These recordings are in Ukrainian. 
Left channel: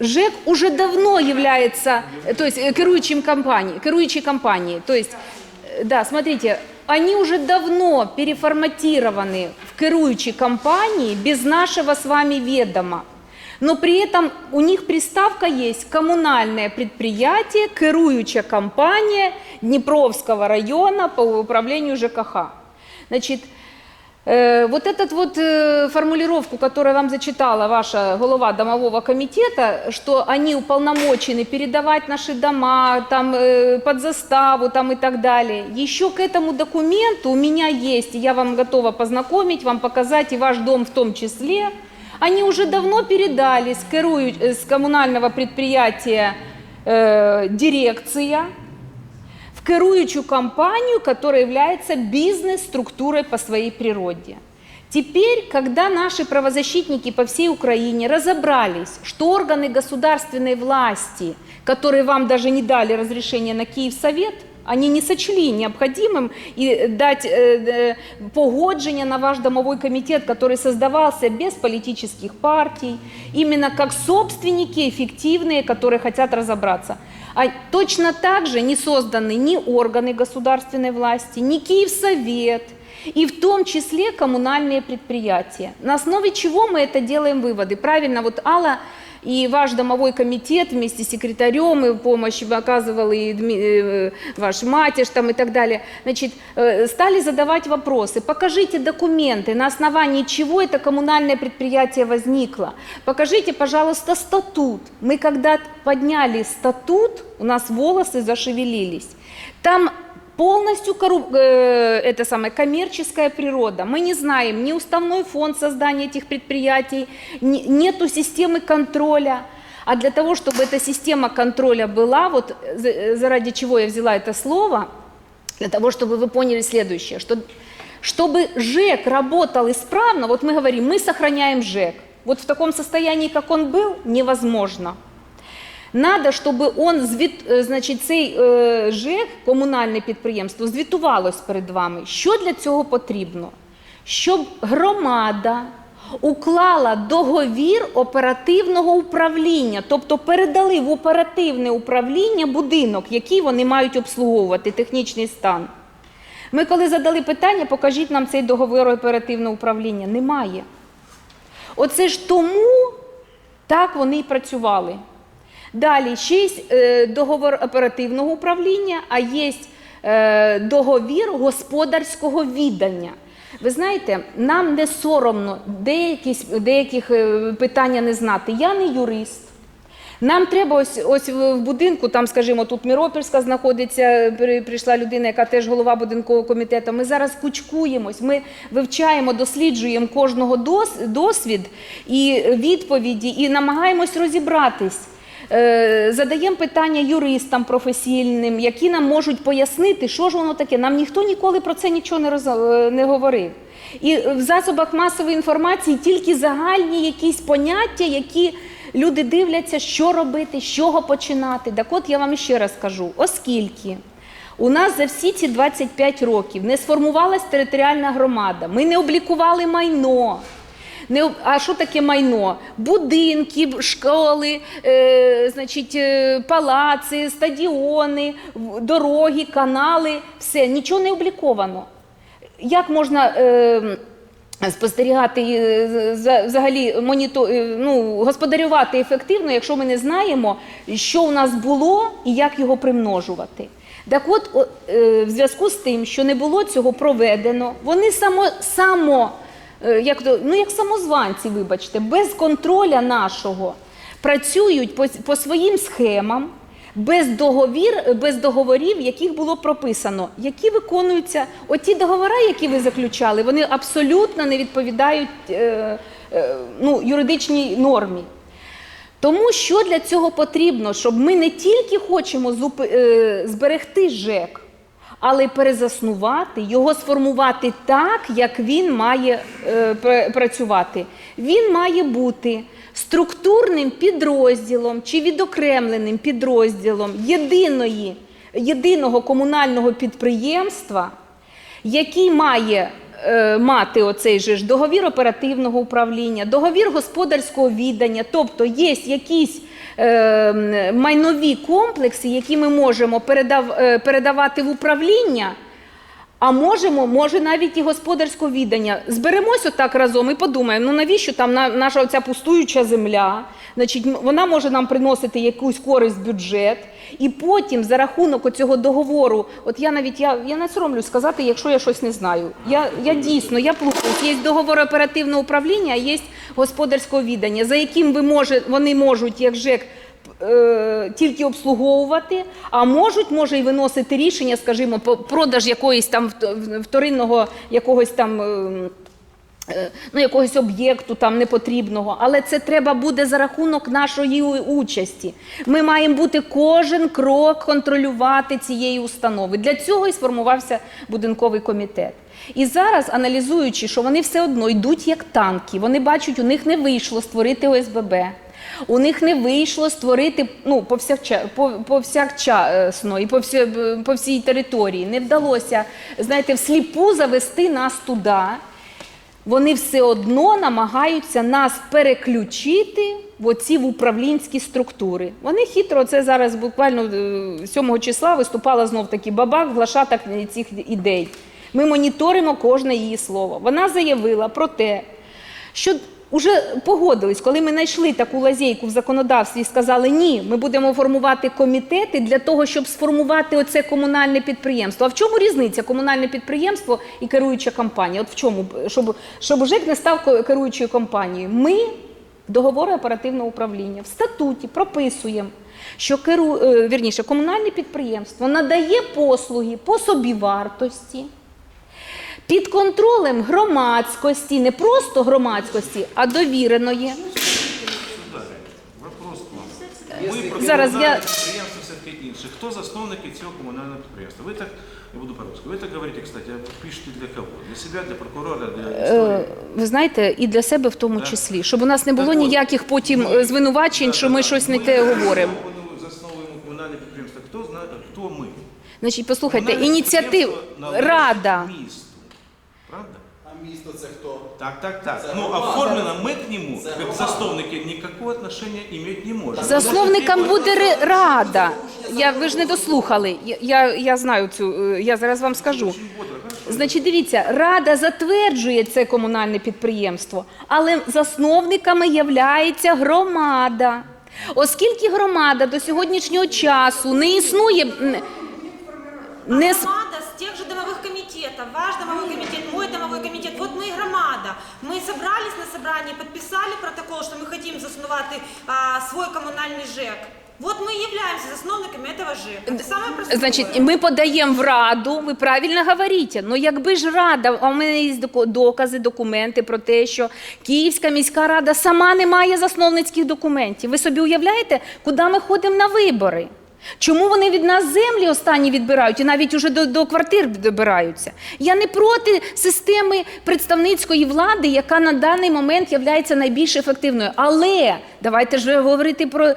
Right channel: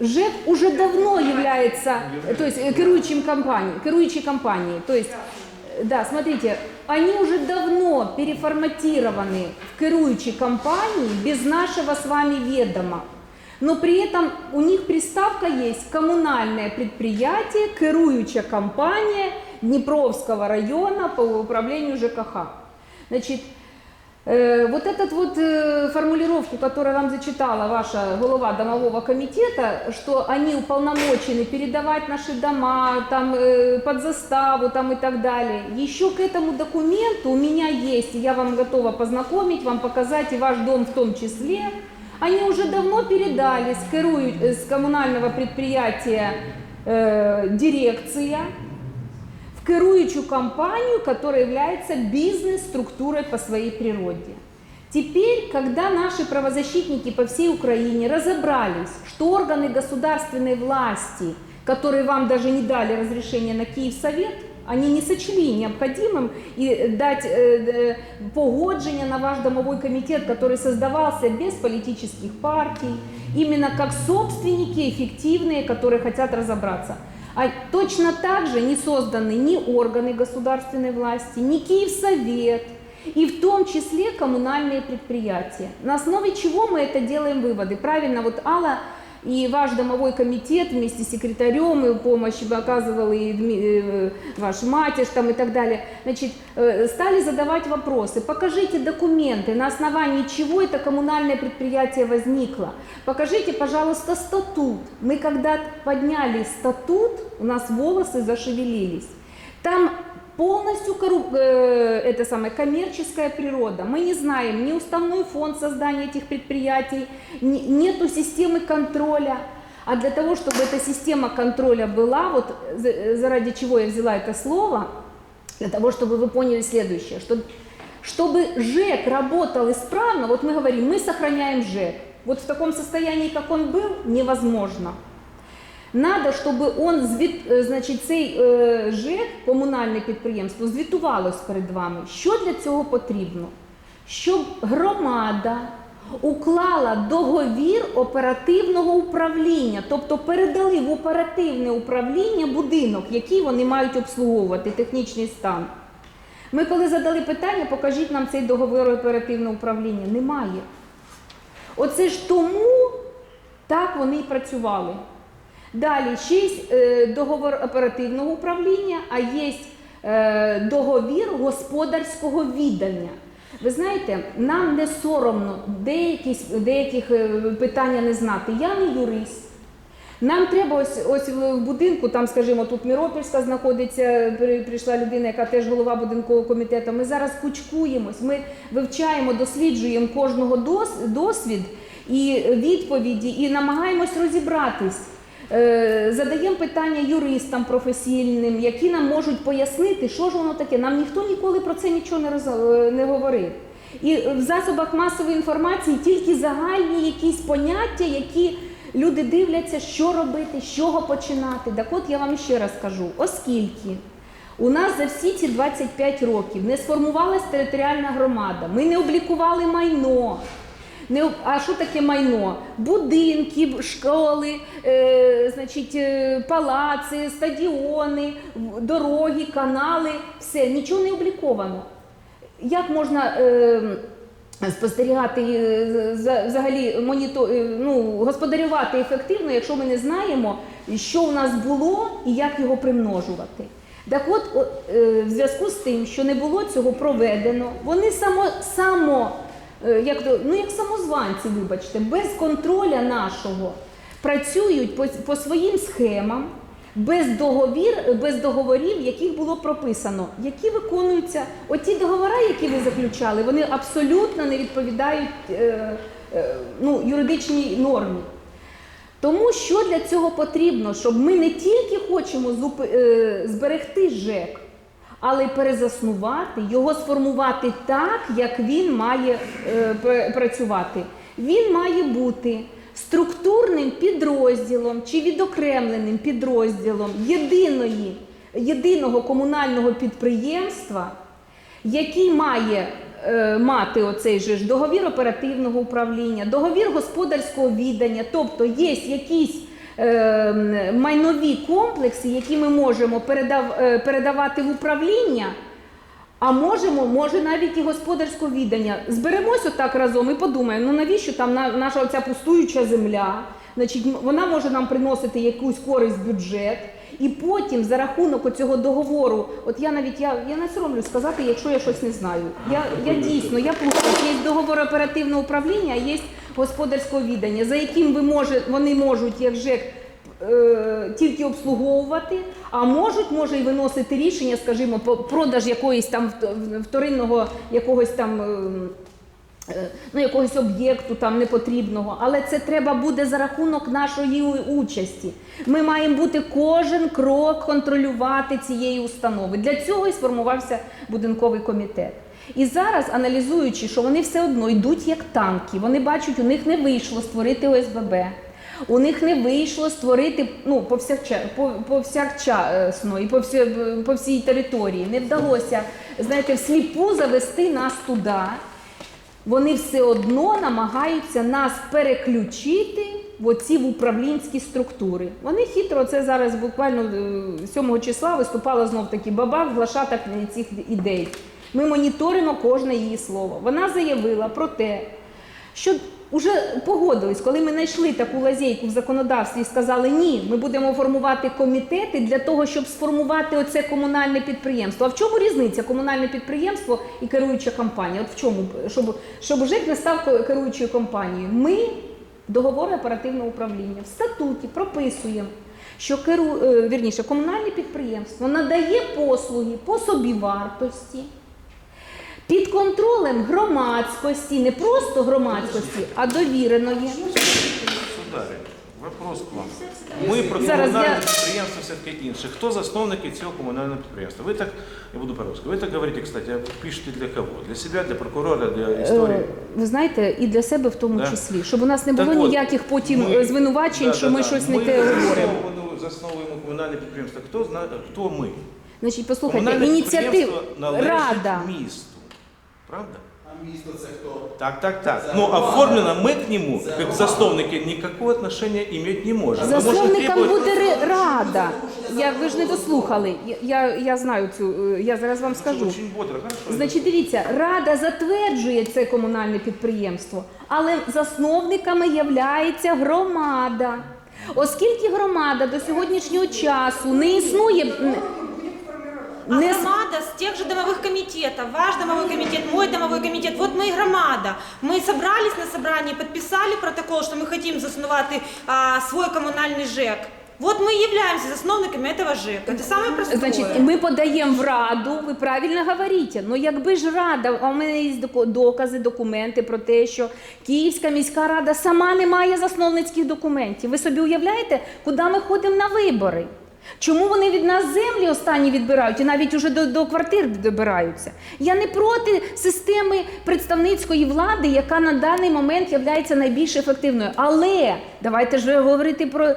ЖЭК уже давно является, э, то есть э, керующим компанией, керующей компанией. То есть, э, да, смотрите, они уже давно переформатированы в керующей компании без нашего с вами ведома. Но при этом у них приставка есть коммунальное предприятие, керующая компания Днепровского района по управлению ЖКХ. Значит, Вот этот вот э, формулировку, которую вам зачитала ваша голова домового комитета, что они уполномочены передавать наши дома там, э, под заставу там, и так далее. Еще к этому документу у меня есть, и я вам готова познакомить, вам показать, и ваш дом в том числе. Они уже давно передали с, керую- э, с коммунального предприятия э, дирекция в керующую компанию, которая является бизнес-структурой по своей природе. Теперь, когда наши правозащитники по всей Украине разобрались, что органы государственной власти, которые вам даже не дали разрешение на Киевсовет, они не сочли необходимым и дать э, э, погоджение на ваш домовой комитет, который создавался без политических партий, именно как собственники эффективные, которые хотят разобраться. А точно так же не созданы ни органы государственной власти, ни Киевсовет, и в том числе коммунальные предприятия. На основе чего мы это делаем выводы? Правильно, вот Алла и ваш домовой комитет вместе с секретарем и помощь оказывал и Дми- э, ваш матиш там и так далее, значит, э, стали задавать вопросы. Покажите документы, на основании чего это коммунальное предприятие возникло. Покажите, пожалуйста, статут. Мы когда подняли статут, у нас волосы зашевелились. Там полностью корру- э, это самая коммерческая природа. Мы не знаем ни уставной фонд создания этих предприятий, ни- нету системы контроля. А для того, чтобы эта система контроля была, вот за- заради чего я взяла это слово, для того, чтобы вы поняли следующее, что чтобы ЖЭК работал исправно, вот мы говорим, мы сохраняем ЖЭК. Вот в таком состоянии, как он был, невозможно. Надо, щоб он звіт, е, значить, цей е, ЖЕК, комунальне підприємство, звітувалось перед вами. Що для цього потрібно? Щоб громада уклала договір оперативного управління, тобто передали в оперативне управління будинок, який вони мають обслуговувати, технічний стан. Ми коли задали питання, покажіть нам цей договір оперативного управління. Немає. Оце ж тому так вони і працювали. Далі ще е, договор оперативного управління, а є е, договір господарського віддання. Ви знаєте, нам не соромно деяких, деяких е, питання не знати. Я не юрист. Нам треба ось ось в будинку, там, скажімо, тут Міропільська знаходиться, при- прийшла людина, яка теж голова будинкового комітету. Ми зараз кучкуємось, ми вивчаємо, досліджуємо кожного дос- досвід і відповіді, і намагаємось розібратись. Е, Задаємо питання юристам професійним, які нам можуть пояснити, що ж воно таке. Нам ніхто ніколи про це нічого не, роз... е, не говорив. І в засобах масової інформації тільки загальні якісь поняття, які люди дивляться, що робити, з чого починати. Так от я вам ще раз кажу, оскільки у нас за всі ці 25 років не сформувалась територіальна громада, ми не облікували майно. Не, а що таке майно? Будинки, школи, е, значить, е, палаци, стадіони, дороги, канали, все, нічого не обліковано. Як можна е, спостерігати е, за- взагалі моніто, е, ну, господарювати ефективно, якщо ми не знаємо, що у нас було і як його примножувати? Так от, в зв'язку з тим, що не було цього проведено, вони само, само як, то- ну, як самозванці, вибачте, без контроля нашого працюють по, по своїм схемам, без, договір, без договорів, яких було прописано, які виконуються. Оті договори, які ви заключали, вони абсолютно не відповідають е, е, ну, юридичній нормі. Тому що для цього потрібно, щоб ми не тільки хочемо е, зберегти ЖЕК, але перезаснувати, його сформувати так, як він має е, працювати. Він має бути структурним підрозділом чи відокремленим підрозділом єдиної, єдиного комунального підприємства, який має е, мати оцей же ж договір оперативного управління, договір господарського віддання, тобто є якісь майнові комплекси, які ми можемо передав, е, передавати в управління. А можемо, може навіть і господарського віддання. Зберемось отак разом і подумаємо, ну навіщо там наша оця пустуюча земля? Значить, вона може нам приносити якусь користь в бюджет. І потім за рахунок оцього договору, от я навіть я, я не соромлю сказати, якщо я щось не знаю. Я, я дійсно я плутаюсь. Є договор оперативного управління, а є господарського віддання, за яким ви може, вони можуть, як ЖЕК, е, тільки обслуговувати, а можуть може і виносити рішення, скажімо, по продаж якоїсь там вторинного якогось там. ем, е, Ну, якогось об'єкту там непотрібного, але це треба буде за рахунок нашої участі. Ми маємо бути кожен крок контролювати цієї установи. Для цього і сформувався будинковий комітет. І зараз, аналізуючи, що вони все одно йдуть як танки, вони бачать, у них не вийшло створити ОСББ. У них не вийшло створити ну, повсякча, повсякчасно і по, всі, по всій території. Не вдалося, знаєте, всліпу завести нас туди. Вони все одно намагаються нас переключити в оці в управлінські структури. Вони хитро, це зараз буквально е, 7 числа виступала знов таки бабак, глашаток цих ідей. Ми моніторимо кожне її слово. Вона заявила про те, що вже погодились, коли ми знайшли таку лазейку в законодавстві і сказали, ні, ми будемо формувати комітети для того, щоб сформувати оце комунальне підприємство. А в чому різниця комунальне підприємство і керуюча компанія? От в чому, щоб, щоб ЖЕК не став керуючою компанією? Ми договори оперативного управління в статуті прописуємо. Що керу, е, вірніше, комунальне підприємство надає послуги по собівартості, під контролем громадськості, не просто громадськості, а довіреної. Сударі, вопрос к вам. Ми про Зараз комунальне я- підприємство все-таки інше. Хто засновники цього комунального підприємства? Ви так, я буду по-русски, ви так говорите, кстати, а пишете для кого? Для себе, для прокурора, для історії? Е, Ви знаєте, і для себе в тому Да. числі, щоб у нас не було Так от, ніяких потім ми- е, звинувачень, Да, що да, ми да. щось не Ми те говоримо. засновуємо- Засновуємо комунальне підприємство. Хто знає, хто ми? Значить, послухайте, Комунальне ініціатив підприємство належить рада. місту. Правда? А місто це хто? Так, так, так. Ну, оформлено мы к нему, как засновники, никакого отношения иметь не можем. Засновникам буде ре- рада. Я, ви ж не дослухали. Я, я, я знаю цю, е, я зараз вам скажу. Очень бодро, хорошо. Значить, дивіться, рада затверджує це комунальне підприємство, але засновниками являється громада. Оскільки громада до сьогоднішнього часу не існує. м, Не громада с тех же домовых комитетов, ваш домовой комитет, мой домовой комитет, вот мы и громада. Мы собрались на собрании, подписали протокол, что мы хотим заснувати а, свой коммунальный ЖЭК. Вот мы и являемся засновниками этого ЖЭКа. Это самое простое. Значить, ми подаємо в раду, ви правильно говорите. Ну якби ж рада, а у мене є доку- докази, документи про те, що Київська міська рада сама не має засновницьких документів. Ви собі уявляєте, куди ми ходимо на вибори? Чому вони від нас землі останні відбирають і навіть уже до, до квартир добираються? Я не проти системи представницької влади, яка на даний момент є найбільш ефективною. Але давайте ж говорити про е,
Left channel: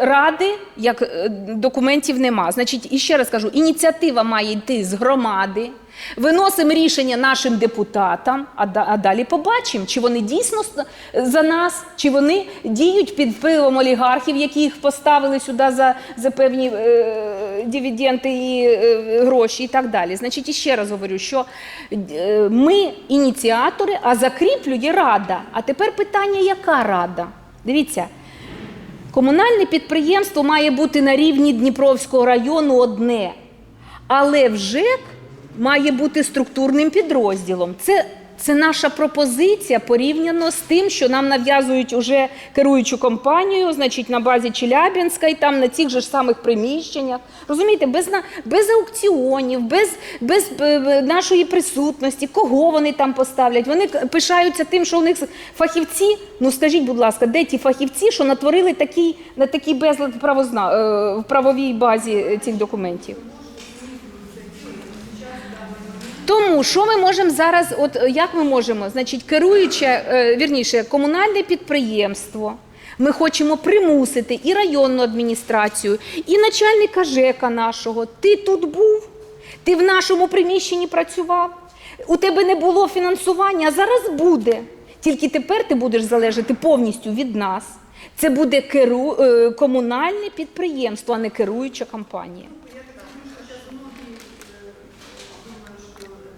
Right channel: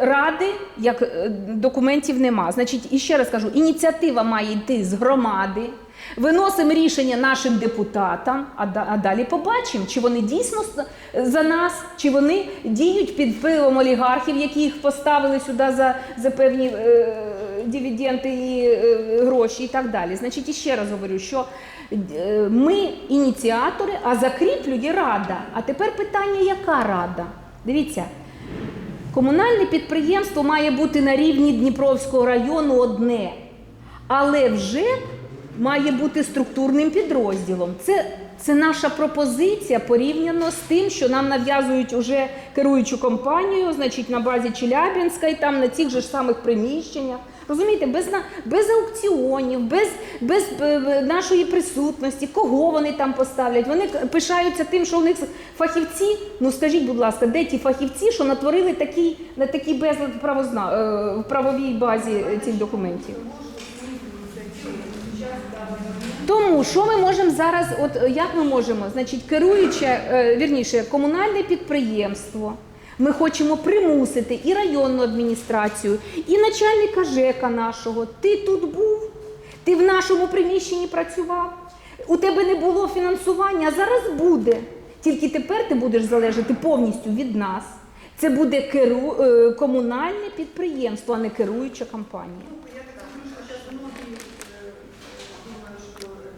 ради, як е, документів нема. Значить, і ще раз кажу, ініціатива має йти з громади. Виносимо рішення нашим депутатам, а, да- а далі побачимо, чи вони дійсно за нас, чи вони діють під впливом олігархів, які їх поставили сюди за, за певні е, дивіденди і е, гроші і так далі. Значить, і ще раз говорю, що е, ми ініціатори, а закріплює рада. А тепер питання, яка рада? Дивіться. Комунальне підприємство має бути на рівні Дніпровського району одне, але вже має бути структурним підрозділом. Це, це наша пропозиція порівняно з тим, що нам нав'язують уже керуючу компанію, значить на базі Челябінська і там на цих же ж самих приміщеннях. Розумієте, без, без аукціонів, без, без е, нашої присутності, кого вони там поставлять. Вони пишаються тим, що у них фахівці. Ну скажіть, будь ласка, де ті фахівці, що натворили такий, на такий безлад правозна, е, в правовій базі е, цих документів? Тому що ми можемо зараз, от е, як ми можемо, значить, керуюче, е, вірніше, комунальне підприємство. Ми хочемо примусити і районну адміністрацію, і начальника ЖЕКа нашого. Ти тут був, ти в нашому приміщенні працював. у тебе не було фінансування, а зараз буде. Тільки тепер ти будеш залежати повністю від нас. Це буде керу... е, комунальне підприємство, а не керуюча компанія.